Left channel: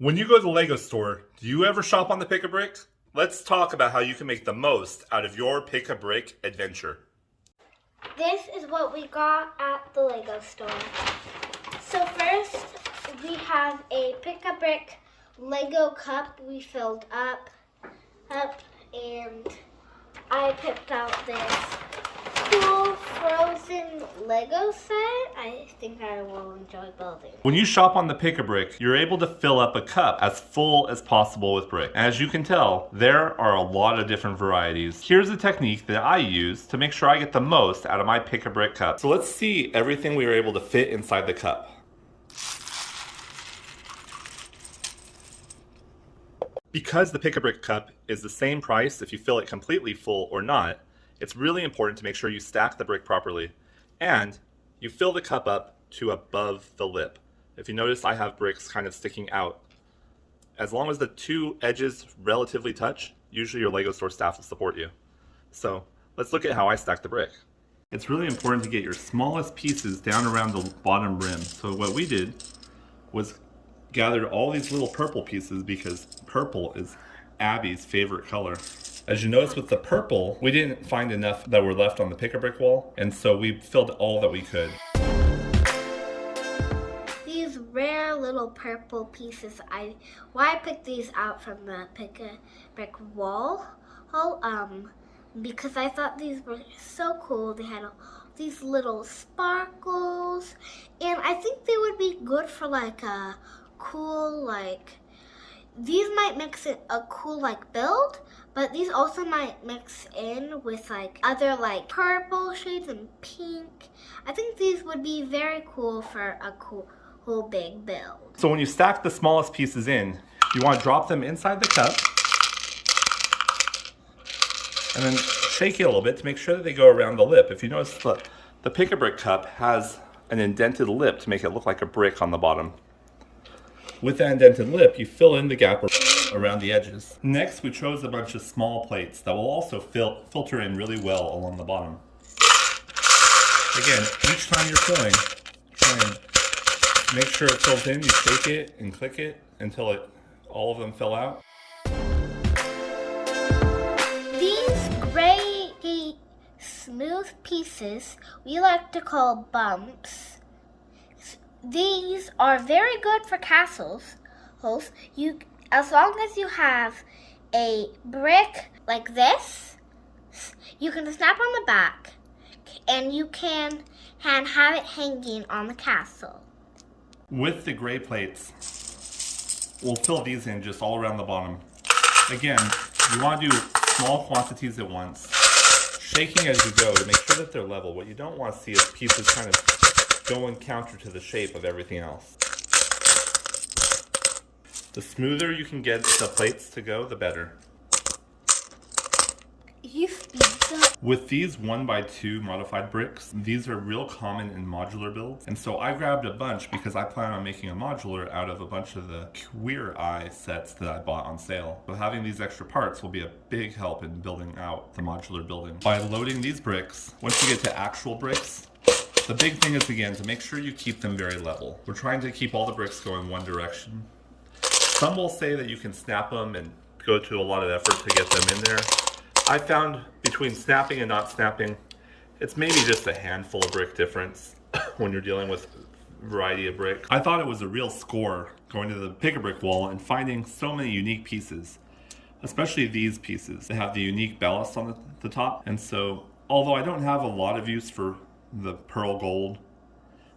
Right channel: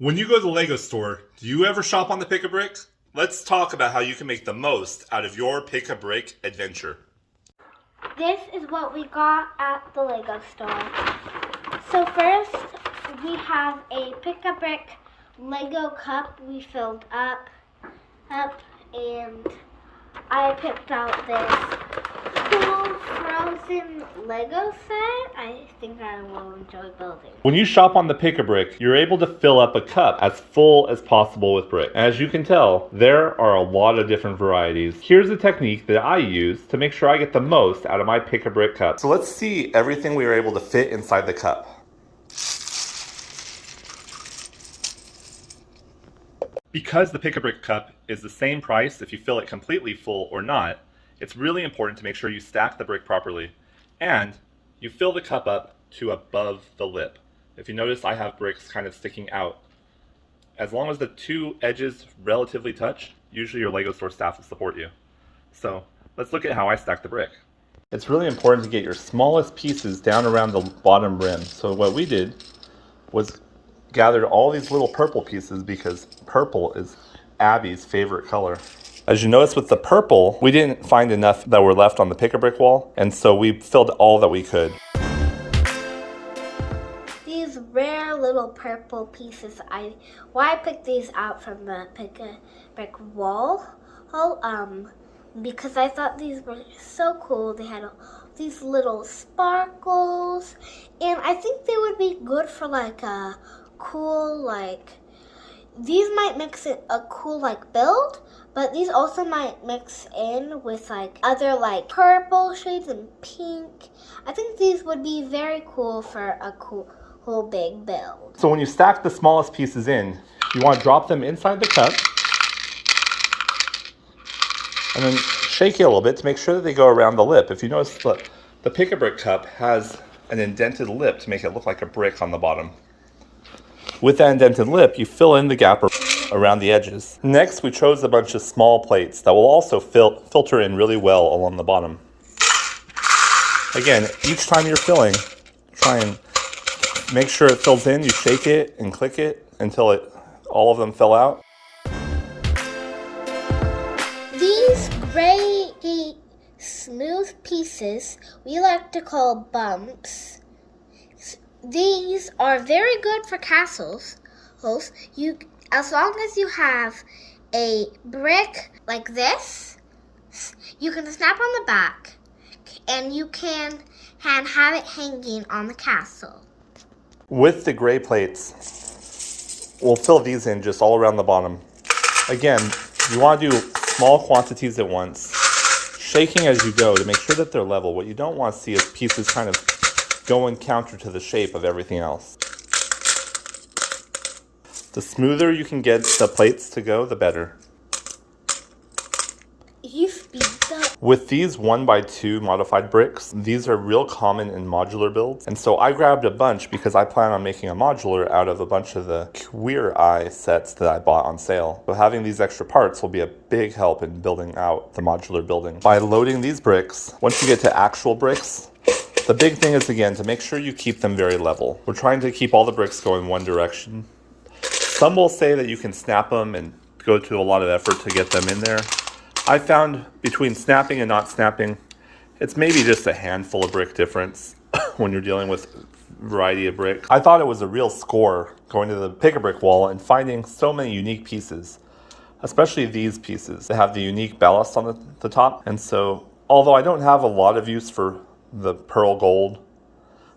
When you go to the Lego store, do you ever shop on the Pick-a-Brick? Let's talk about how you can make the most out of your Pick-a-Brick adventure. This is what we got at the Lego store. So first, we have a Pick-a-Brick Lego cup we filled up, and I picked out this cool frozen Lego set. I think I will enjoy building. When you shop on the Pick-a-Brick, you're able to fill up a cup as full as possible with brick. As you can tell, there are a lot of different varieties. Here's a technique that I use to make sure I get the most out of my Pick-a-Brick cup. So let's see everything we were able to fit inside the cup. Because the Pick-a-Brick cup is the same price if you fill it completely full or not, it's really important to make sure you stack the brick properly and you fill the cup up to above the lip. If you notice, I have bricks kind of sticking out. As long as the two edges relatively touch, usually your Lego store staff will support you. So let's look at how I stack the brick. It's really important to get your smallest pieces down around the bottom rim. So what we did was gathered all these little purple pieces because purple is Abby's favorite color. As you notice with the purple, we didn't find enough that were left on the Pick-a-Brick wall, and so we filled all that we could. These rare little purple pieces, I picked these out from the Pick-a-Brick wall, because I thought these were so cool. They had these little sparkles, and I think they would be good for like a cool, these might mix it a cool build, but these also might mix in with other purple shades and pink. I think these would be very cool for a cool big build. So when you stack the smallest pieces in, you want to drop them inside the cup and then shake it a little bit to make sure that they go around the lip. If you notice, the Pick-a-Brick cup has an indented lip to make it look like a brick on the bottom. With that indented lip, you fill in the gap around the edges. Next, we chose a bunch of small plates that will also filter in really well along the bottom. Again, each time you're filling, try and make sure it fills in. You shake it and click it until all of them fill out. These gray, smooth pieces we like to call bumps. These are very good for castles. As long as you have a brick like this, you can snap on the back and you can have it hanging on the castle. With the gray plates, we'll fill these in just all around the bottom. Again, you want to do small quantities at once, shaking as you go to make sure that they're level. What you don't want to see is pieces kind of going counter to the shape of everything else. The smoother you can get the plates to go, the better. You speed up. With these 1x2 modified bricks, these are real common in modular builds. And so I grabbed a bunch because I plan on making a modular out of a bunch of the Queer Eye sets that I bought on sale. So having these extra parts will be a big help in building out the modular building. By loading these bricks, once you get to actual bricks, the big thing is, again, to make sure you keep them very level. We're trying to keep all the bricks going one direction. Some will say that you can snap them and go to a lot of effort to get them in there. I found between snapping and not snapping, it's maybe just a handful of brick difference when you're dealing with a variety of bricks. I thought it was a real score going to the Pick-a-Brick wall and finding so many unique pieces, especially these pieces. They have the unique ballast on the top. And so, although I don't have a lot of use for the pearl gold,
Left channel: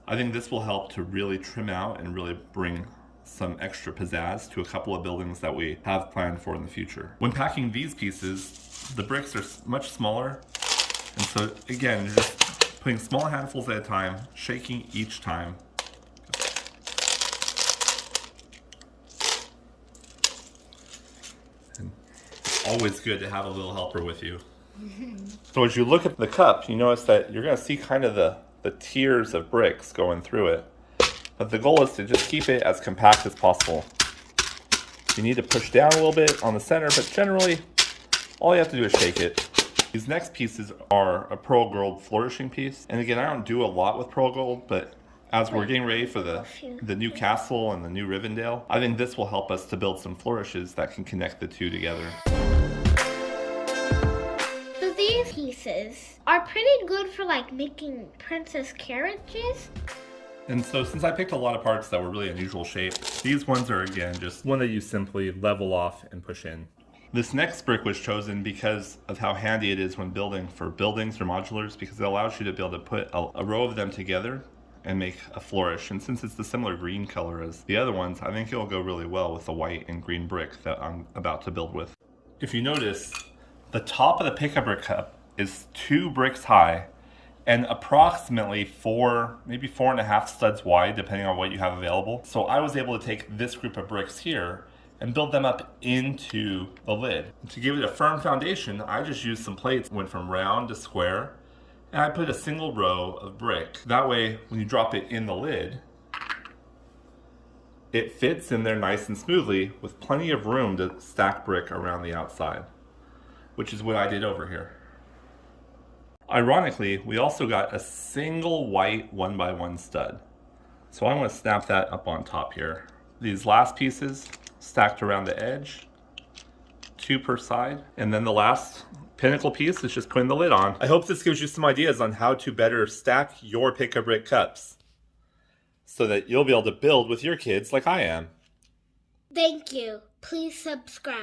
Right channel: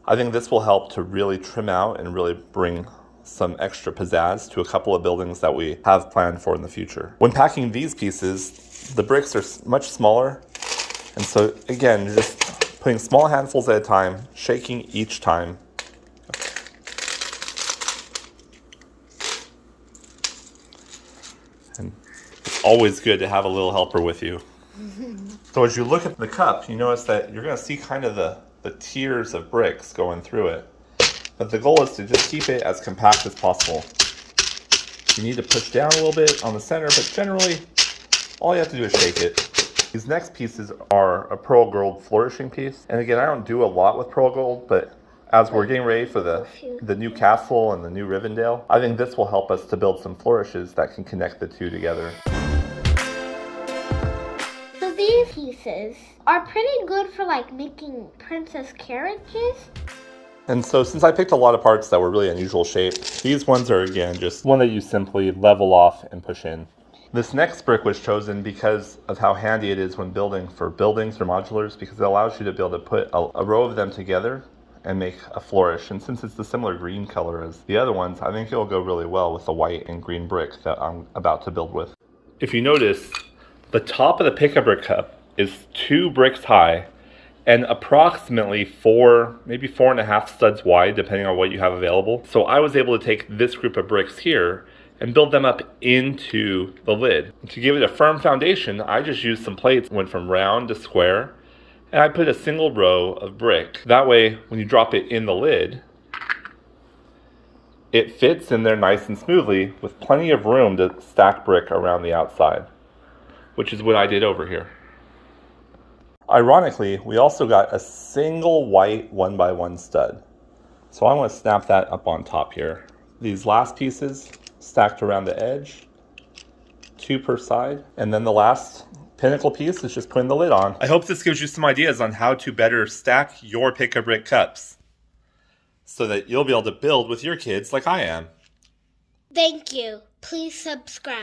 I think this will help to really trim out and really bring some extra pizzazz to a couple of buildings that we have planned for in the future. When packing these pieces, the bricks are much smaller, and so again, you're just putting small handfuls at a time, shaking each time. And it's always good to have a little helper with you. So as you look at the cup, you notice that you're going to see kind of the tiers of bricks going through it. But the goal is to just keep it as compact as possible. You need to push down a little bit on the center, but generally, all you have to do is shake it. These next pieces are a pearl gold flourishing piece. And again, I don't do a lot with pearl gold, but as we're getting ready for the new castle and the new Rivendell, I think this will help us to build some flourishes that can connect the two together. So these pieces are pretty good for like making princess carriages. And so since I picked a lot of parts that were really unusual shape, these ones are again just one that you simply level off and push in. This next brick was chosen because of how handy it is when building for buildings or modulars, because it allows you to be able to put a row of them together and make a flourish. And since it's the similar green color as the other ones, I think it will go really well with the white and green brick that I'm about to build with. If you notice, the top of the Pick-a-Brick cup is 2 bricks high and approximately 4, maybe 4.5 studs wide, depending on what you have available. So I was able to take this group of bricks here and build them up into the lid. To give it a firm foundation, I just used some plates, went from round to square, and I put a single row of brick. That way, when you drop it in the lid, it fits in there nice and smoothly with plenty of room to stack brick around the outside, which is what I did over here. Ironically, we also got a single white 1x1 stud. So I want to snap that up on top here. These last pieces stacked around the edge, 2 per side, and then the last pinnacle piece is just putting the lid on. I hope this gives you some ideas on how to better stack your Pick-a-Brick cups so that you'll be able to build with your kids like I am. Thank you. Please subscribe.